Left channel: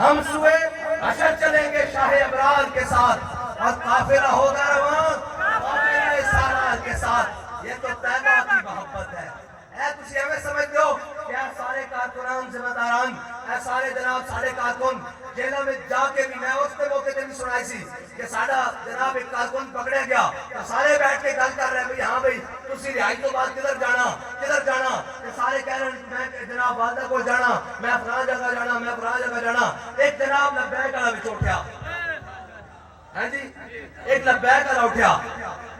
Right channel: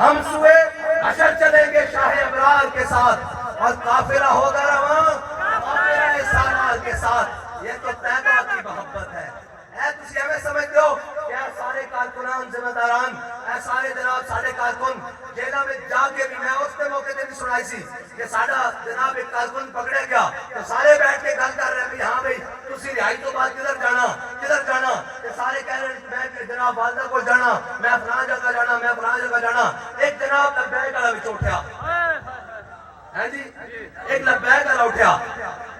ہم سوئے حشر چلیں گے شاہ ابرار کے ساتھ اور قافلہ ہوگا رواں قافلہ سالار کے ساتھ. یہ تو طیبہ کی محبت ہے. تسی ایویں سمجھ دو کہ اے سارے کارکنان ذمہ داران اے سارے جناب سارے کارکن جیلوں میں جا کے بھی میں اس پہ موقع تے بھی سنائی سی کہ ساڈا جناب ایک کارکن پکڑے گیا تو سارے بیٹھ کے گل کر رہے ہیں ہاں بھائی تسی رہائی تو بعد کدھر جانا کہ سارے کہہ رہے ہیں میں جناب والدہ کو جانا میں فلاں جگہ جانا میں فلاں جگہ جانا. ایک جناب لبیک والا بھی اٹھیا ہاں جی ایک لبیک والا اٹھیا.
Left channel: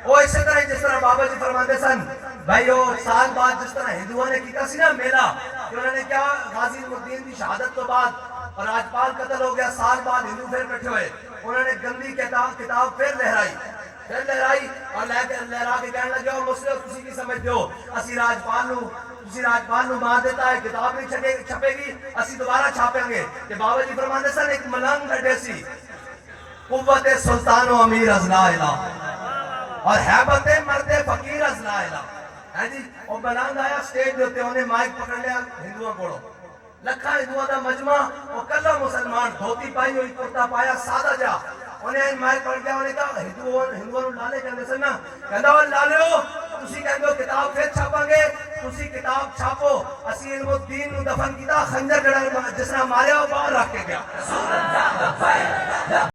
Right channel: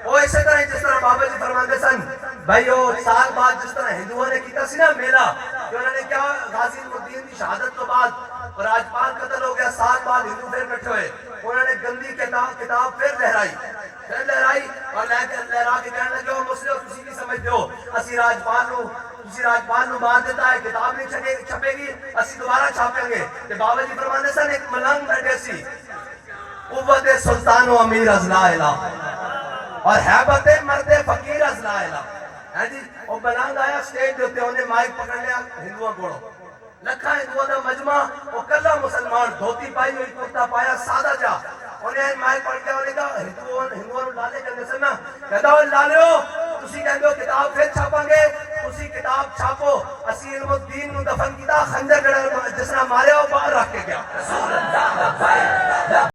وہ اسی طرح جس طرح بابا جی فرماندے سن بھائی وہ سال بعد جس طرح ہندوؤں نے کیتا سی نا میلہ کہ انہوں نے کیا غازی الدین کی شہادت تو بعد اور راجپال قتل ہو گیا سال بعد ہندو پھر کٹھے ہوئے انہوں نے گندی کتاب پھر لہرائی اور لہرا کے کہنے لگے ہو مسلم تسی کی سمجھتے ہو اسی راجپال نو مار دیتا ہے کتاب نہیں چھپے گی اسی دوبارہ چھاپیں گے. کہ بابا جی فرماندے سن ایک ملنگ بیٹھے سی قوت سلطان و امیر از لا الہ اور حیبت مرد فقیر از لا الہ. ہے جی وہ ملنگ آیا سٹیج دے اوتے انہیں مائک پکڑ لیا ہندوؤں کوڑو لکھا ہندوؤں دا مجمع وہ کلا مسلمان دھوتی پائی ہوئی کرتا پایا سادہ جا انہیں مائک پڑھ گیا انہیں کہا ہندوؤں لالے کہنے سے نا کہتا ہو لالے ہو تسی کہنے ہو کتاب پھر چھاپا گے تسی کتاب چھاپو اسی علم الدین نو دفن کیتا خنجر جڑا جس نے مارے ہو باہر رکھ کے گیا.